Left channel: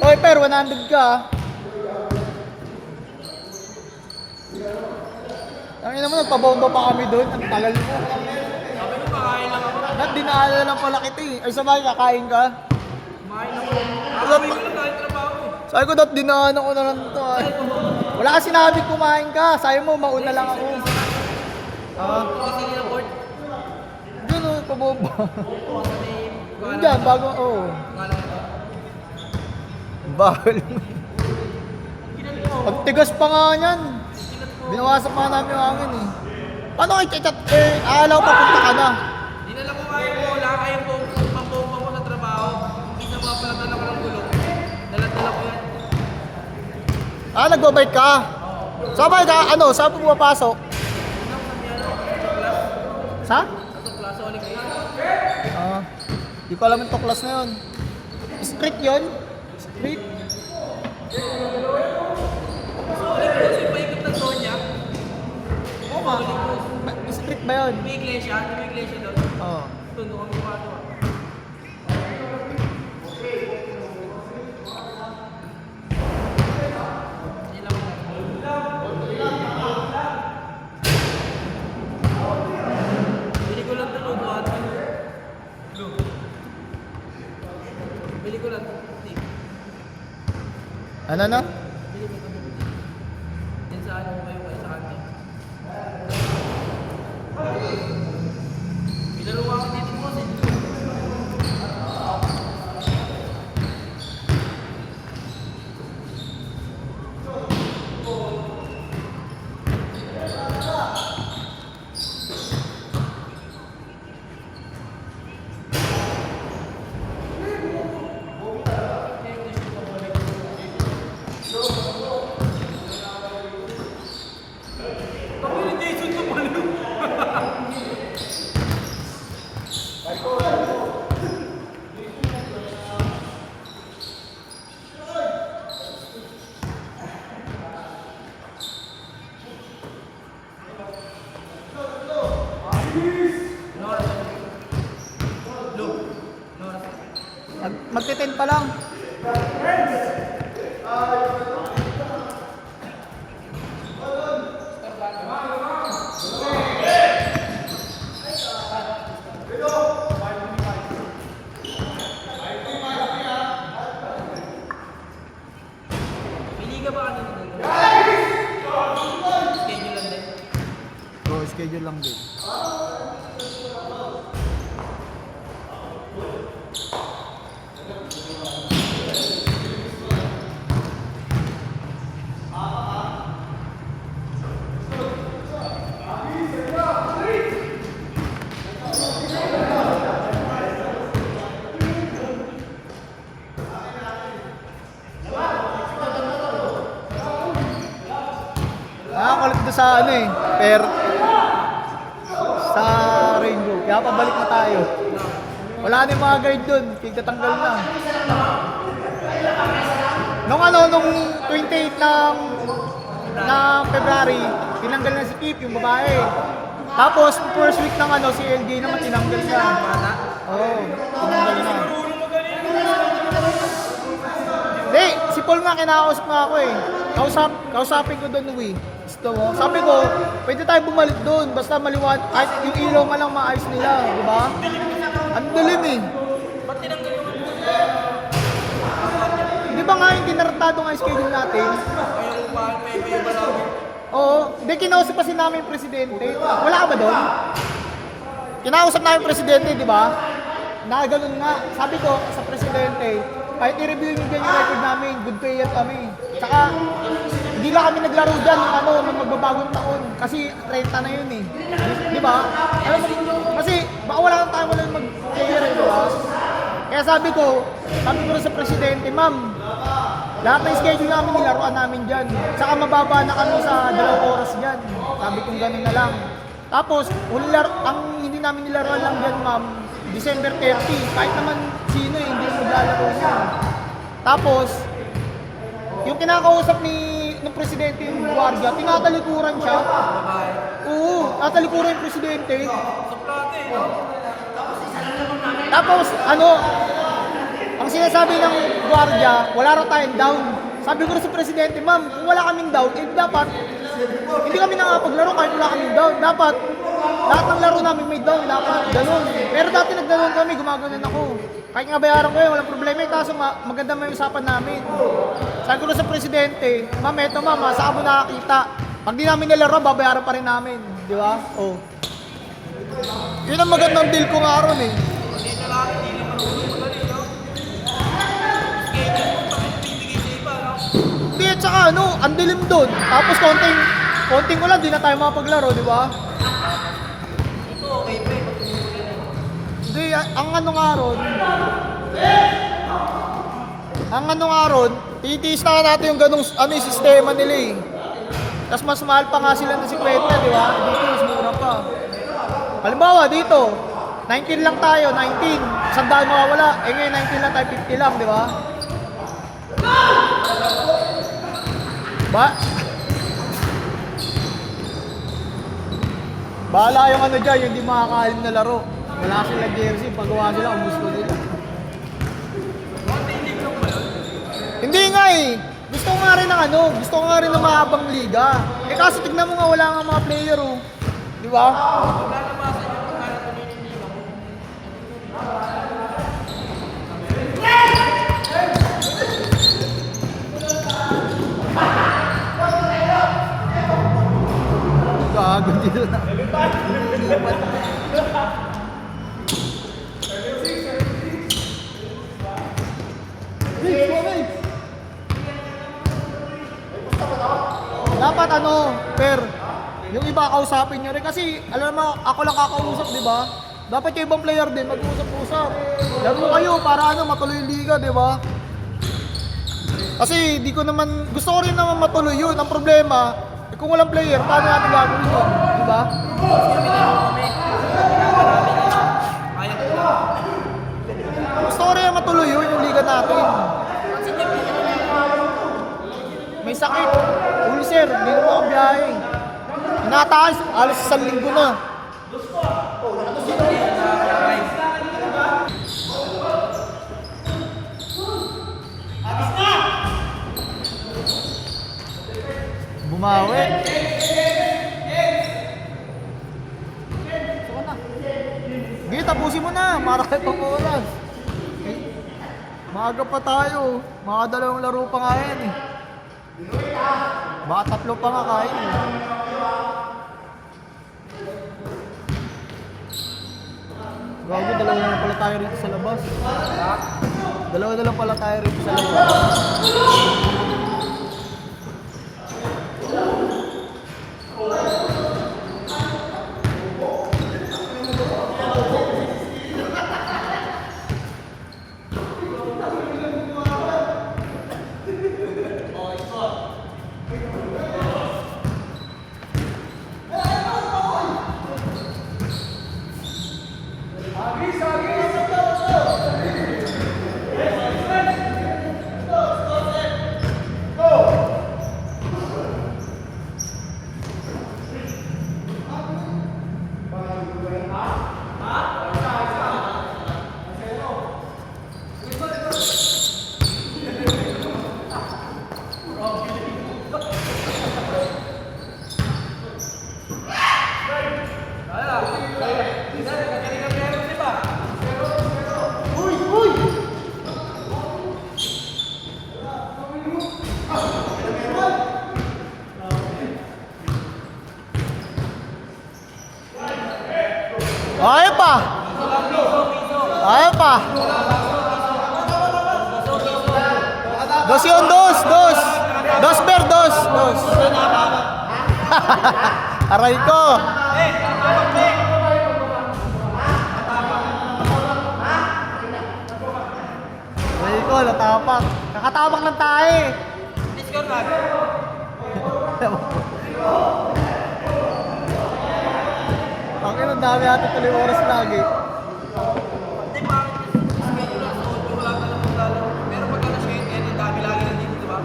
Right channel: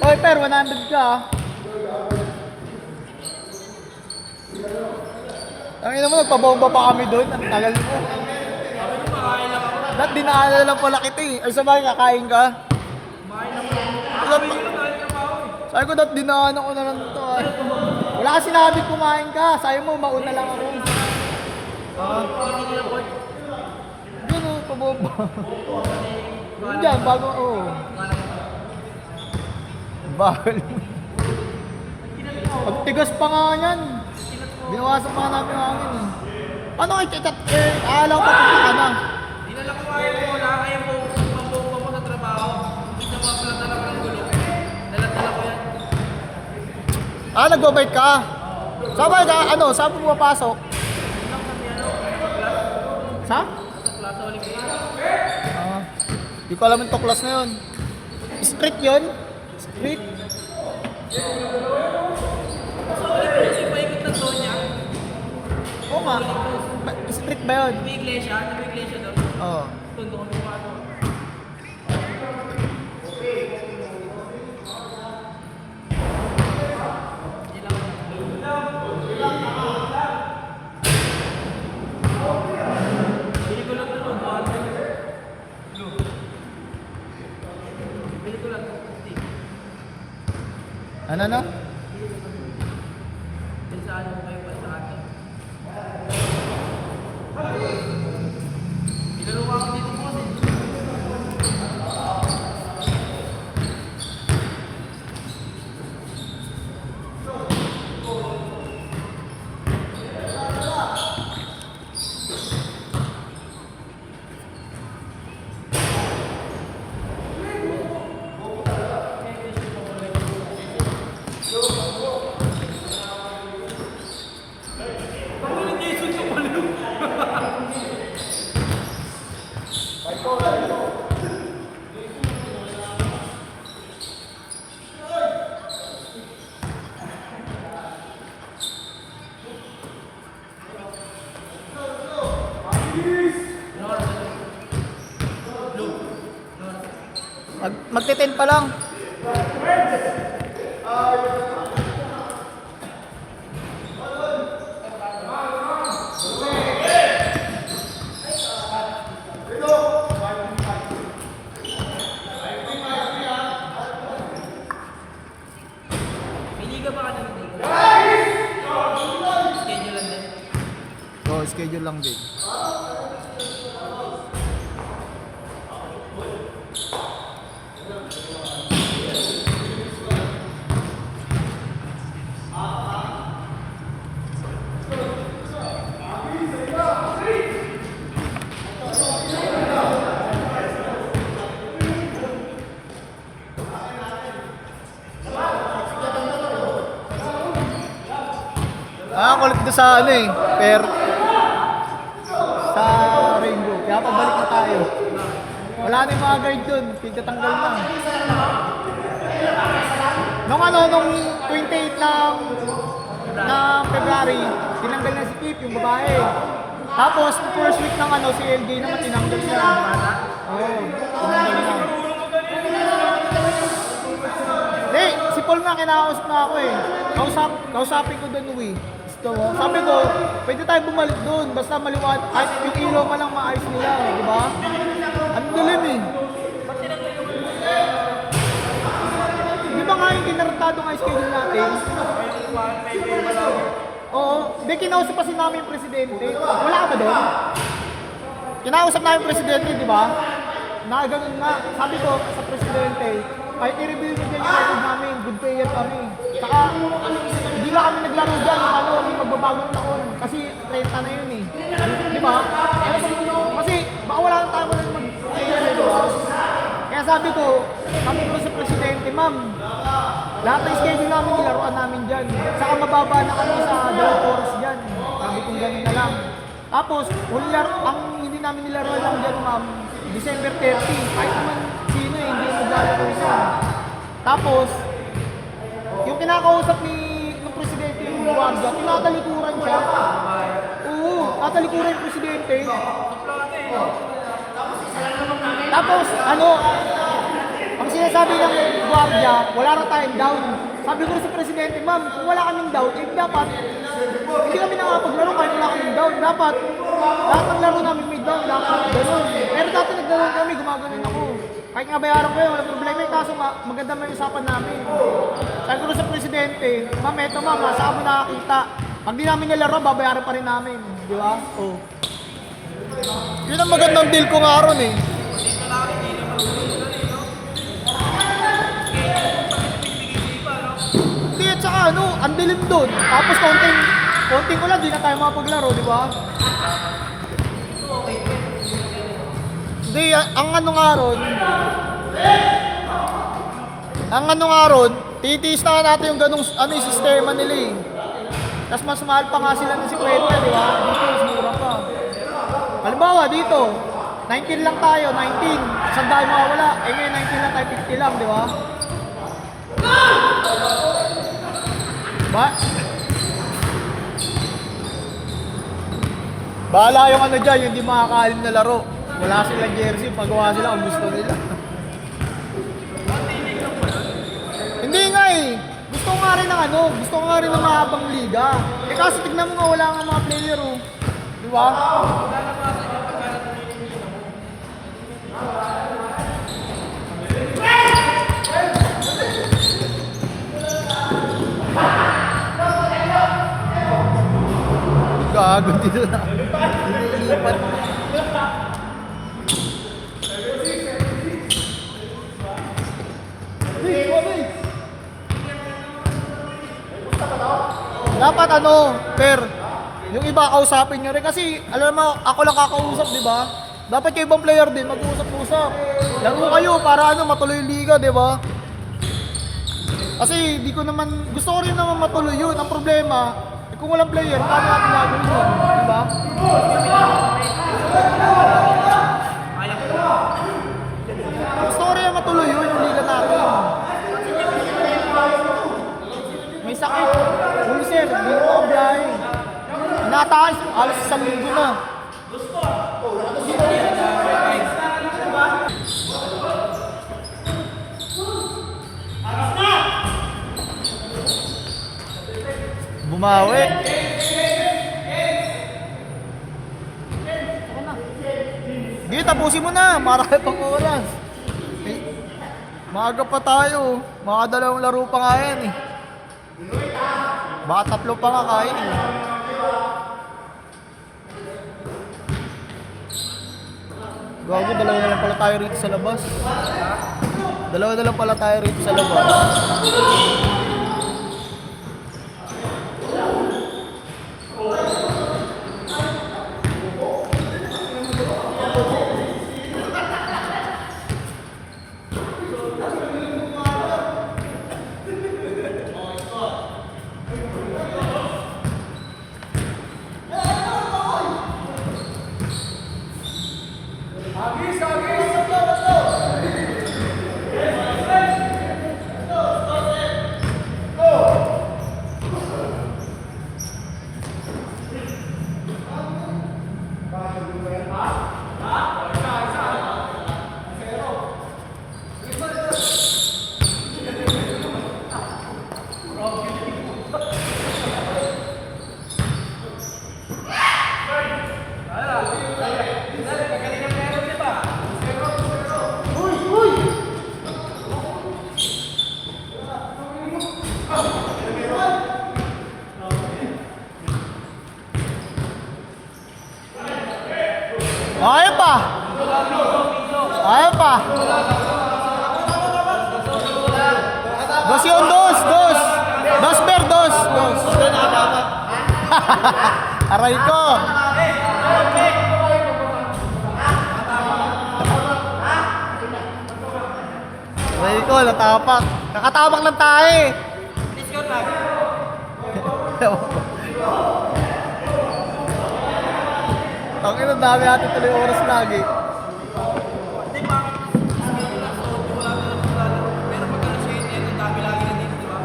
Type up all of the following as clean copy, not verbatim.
Oy, per, 100 ka ah. Ang ina mo, nagpabomba pa kami doon. Ang tagal mo. Dahil dinaanan lang pala kita eh. Ay, sabay, kakain ka. Sabi ko, dahil dinaanan ko na lang ito eh. Wala ka sinabi kumain ka. Sabi mo, mauna lang ako. Hindi no, pabomba. Diyan, bago, oo. Bawal. Ang tigas pa nga yan. Binawasan pa namin namin eh. Paano kayo chat? Akala ko papunta ka na. Hindi na lang kumain ko. Wala kayo pang-bomba mo na trabaho. Hindi na mapalatan ako ng gulong. Dalat-dalat ko yan. Nag-bike ka? Sabay ka, ano, saan mo mapasok? Sa? Di ko alam yung tuklas na yun. Street yun? Street? Kasi paikot na Sonya. Oo nga. Street ba yun? May iglesia. May iglesia doon. Oo. Tundo kong gumagawa. Bili ko lang ito kung bili ko lang ito. Ano na? Din sa ano kayo ba sa akin? Pinulungan ko dito po. Magte-10 pa lang. Hindi ka ba ano? Schedule lang din. Oo, schedule lang din. Nakakulit ko sa ano eh, sa Rainbow. Kaya pabalik na tayo. Wala na yung mga guard dun, tigatanggal na. Nung 28 ng February, tinanggal na si Kip, yung babae. Tapos, first week ng si LJ naman tinanggal na. Oo, tinanggal na. Hindi, si Paul nga kinakausap na ako eh. Kausapin ko doon, Uwi. Sabi ko, pwede tayo bumalik doon. Basta maliwanag, kahit yung ilaw man ang maayos nila, di ba? Ang dilim eh. Di ba nga yung kinartado nga schedule natin? Oo, di kinausap kasi namin yung presidente. Wala ka ba doon? Kinausap namin yung presidente, di ba? Na ganun nga, sabi ko sa presidente, kahit i-review nyo dyan yung record namin, good player kami. Saka, hindi lang kami naglaro dyan, nung magbabagong taon. Kasi 30 na yun eh. Di ba? Kasi, baka wala kang tama lang mag-player eh, di ba? Kaya sabi ko sa presidente, ma'am, lahat ng schedule namin, nilaruan namin dyan. Saka mababa na kami sa 2 oras dyan. Sabi kong ganun na lang. Tapos, ang hindi namin nilaruan lang dyan, ma'am, December 30. Kahit naman sino eh, hindi maglaro siya. Tapos, yung kinakausap ng presidente yung guardia, tinatalikuran siya. Oo, tatalikuran yung presidente. Tapos, ano, ang sinasabi ng gwardiya, wala raw tayong down. Sabi ko rin sa presidente, ma'am, kung wala kaming down, eh dapat, hindi kami nakapaglaro kahit wala kaming down. Dapat, lahat ng laro namin may down, dapat ganun. Pero dati nagdalon kami, gumagano'n ako. Kahit nga bayaran ko yun, walang problema eh, kaso nga, maganda may usapan namin. Sabi ko rin sa presidente, ma'am, eto ma'am, saan mo nakakita? Pag di namin nilaro, babayaran pa rin namin. Di ba? Oh. Yun ang magandang deal ko nga ron eh. Hindi, at saka ano, ang dilim doon. Tapos konting ulan, di na tayo makapaglaro, di ba? Hindi, ang ano nga ron, titiis na natin yung ganong ano, yung sistema nila eh. Tapos mas mahal pa nga sila ng 50, di ba? Dito, mas mura pa. Halimbawa, dito, 19 lang tayo, 19. Isang daan mawawala. Eh ngayon, 19 lang tayo, 50 lang, di ba? Ba? Bahala yung ano dyan, yung di makakaalim na laro. Wala silang jersey, pagawa sila kung gusto nila. Hindi nga eh. Gusto ko nga rin ng ano, gusto ko nga rin ng mahabang liga. Eh kasi tignan mo nga wala nga mga player oh. Di ba? Gago dito na. Dapat ano, yung iba kausapin nyo rin kasi alam mo, ako lang kakausap, di ba? Dapat yung ibang player din mag-usap-usap. Laro kayo para ano, matuloy yung liga, di ba? Kasi di ko naman, gusto ko rin naman matuloy yun. Ang problema, kung walang player, paano natin gagawin yun? Di ba? Gusto ko rin matuloy yun, yung liga natin. May sakit. Ulcer, hindi na ang biyahe. Nataas, alas 1 linggo na. Bumawi. Hindi, tapusin mo na. Marami pang oras. Maaga pa tayo. Mga dalawang laro pa nga yan eh. Baka 3 pa nga kain eh. Gago, dalawa na lang pala tayo rito sa labas. Dalawa na lang pala tayo rito sa labas. Ayaw pa. Ayaw pa. Dos yun, dos. Dos ber, dos. Aray ko. Aray ko, natapak. Nakatapak lang tayo eh. Discord lang. Bakit ang dami natin tuloy oras lagi? Hindi, bakit? Wala ka lang maglalaro. Pero pag alas ngayon, ang dami lagi na dito, di ba?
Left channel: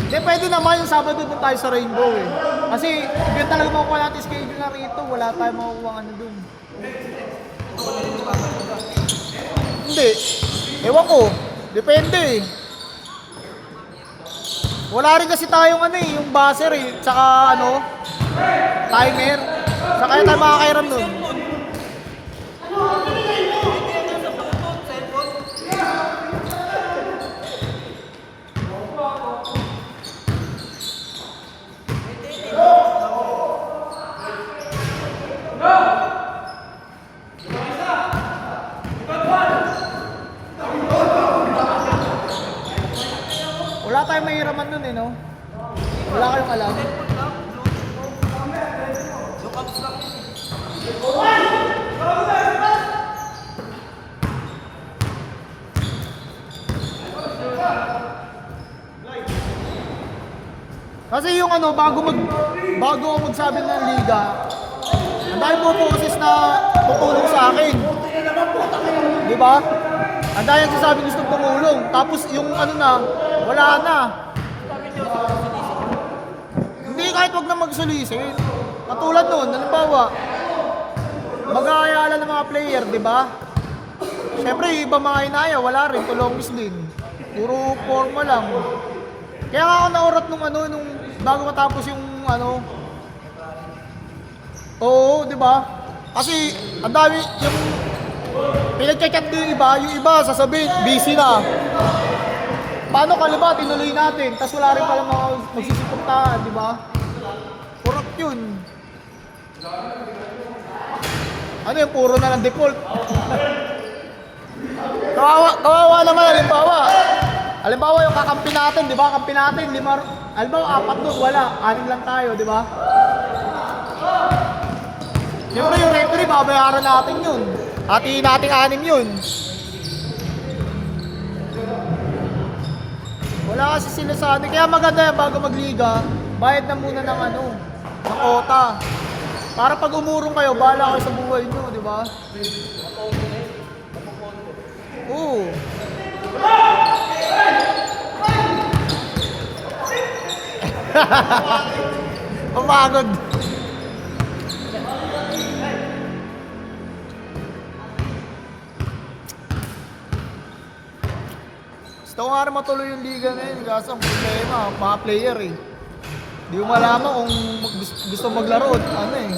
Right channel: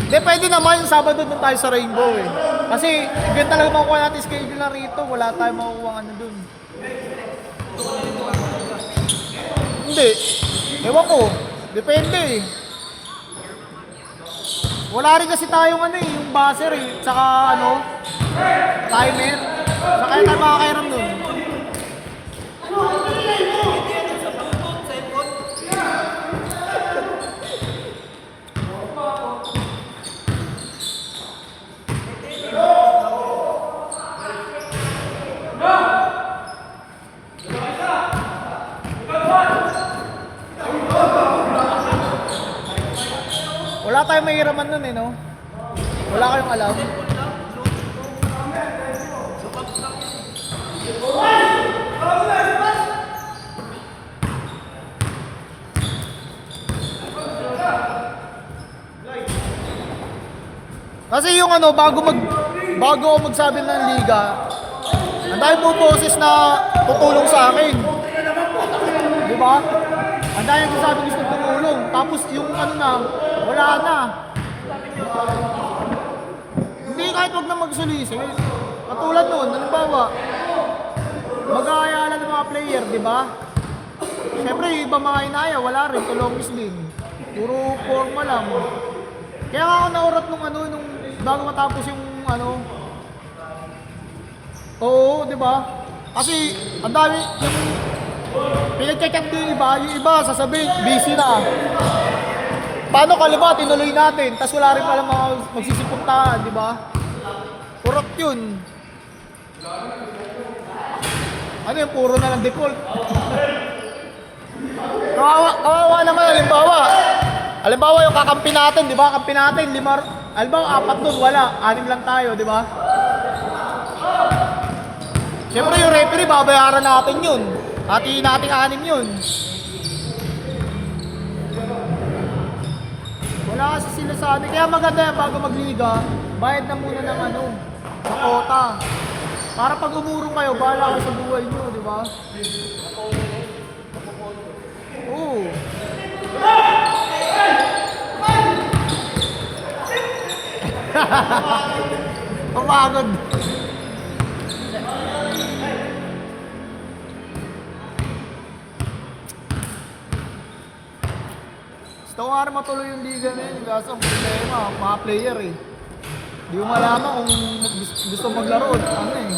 Hindi, pwede naman yung Sabado doon tayo sa Rainbow eh. Kasi ganyan talaga makukuha natin schedule na rito. Wala tayong makukuha ano doon. hindi. Ewan ko. Depende eh. Wala rin kasi tayong ano eh, yung buzzer eh. Tsaka ano, timer. Saka tayo makakairam nun. Wala tayong mahiraman nun eh, no? Wala kayong alam. Kasi yung ano, bago ako magsabi ng liga, ang dahil po boses na tutulong sa akin. Di ba? Ang dahil sasabi gusto tumulong. Tapos yung ano na, wala na. Hindi kahit wag na magsulisi. Katulad nun, halimbawa, mag-aayalan ng mga player, di ba? Siyempre, yung iba mga inaya, wala rin, tulongis din. Puro forma lang. Kaya nga ako naurat nung ano, nung bago matapos yung ano. Oo, di ba? Kasi, ang dami, yung pinag-check yung iba sasabihin, busy na. Paano kalima, tinuloy natin, tapos wala rin pala mga magsisipuntahan, di ba? Kurap yun. Ano yung puro na ng default? Kawawa naman, halimbawa yung kakampi natin, di ba? Kampi natin, halimbawa 4 doon, wala, 6 lang tayo, di ba? Siyempre yung referee, babayaran natin yun. Hatiin natin 6 yun. Wala kasi sinasabi. Kaya maganda yan bago magliga, bayad na muna ng ano, ng quota. Para pag umurong kayo, bahala kayo sa buhay nyo, di ba? Oo. Pumagod. Gusto ko nga rin matuloy yung liga na yun. Kasi ang problema, mga player eh. Di mo malaman kung gusto maglaro. Ano eh.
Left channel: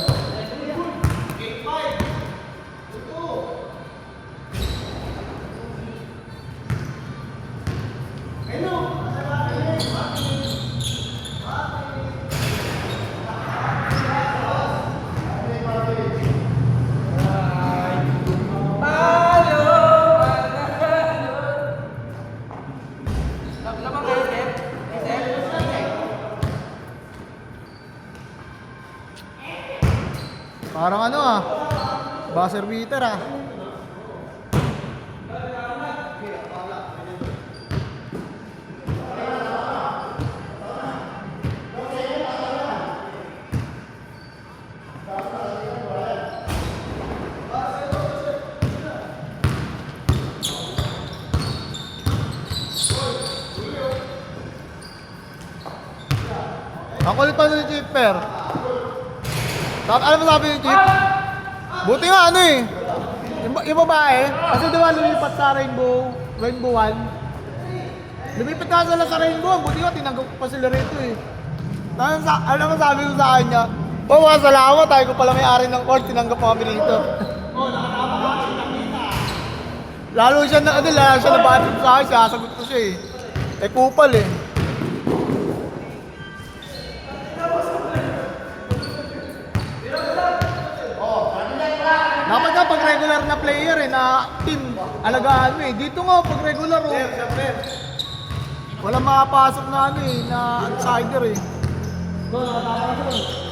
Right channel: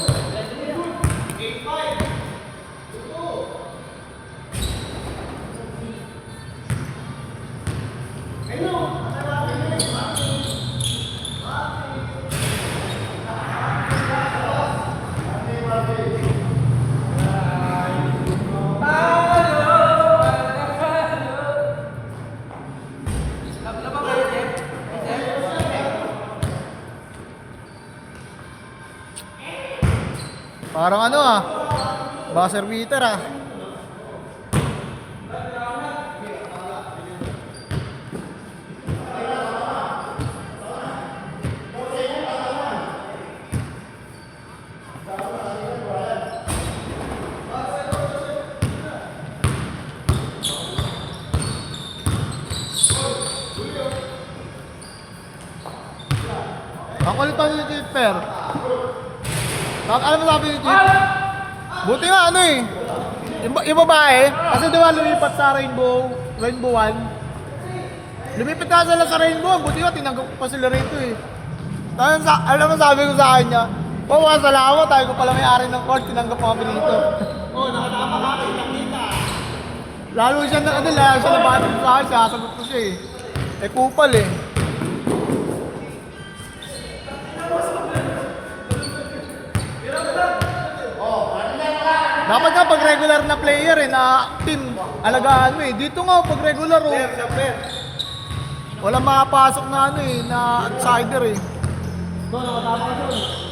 Parang ano ah, buzzer beater ah. Ang kulit pa ni Tipper. Alam mo sabi ni Tip? Buti nga ano eh. Yung babae, kasi diba lumipat sa Rainbow 1. Lumipat nga sila sa Rainbow, buti nga tinanggap pa sila rito eh. Alam mo sabi ko sa kanya, salamat, tayo ko pala may-ari ng court, tinanggap kami rito. Lalo siya na batid sa akin, sasagot ko siya eh. Eh kupal eh. Dapat nga pag regular na player eh, na team, alagaan mo eh. Dito nga pag regular oh, walang makapasok na ano eh, na outsider eh. Bro, nakatama ka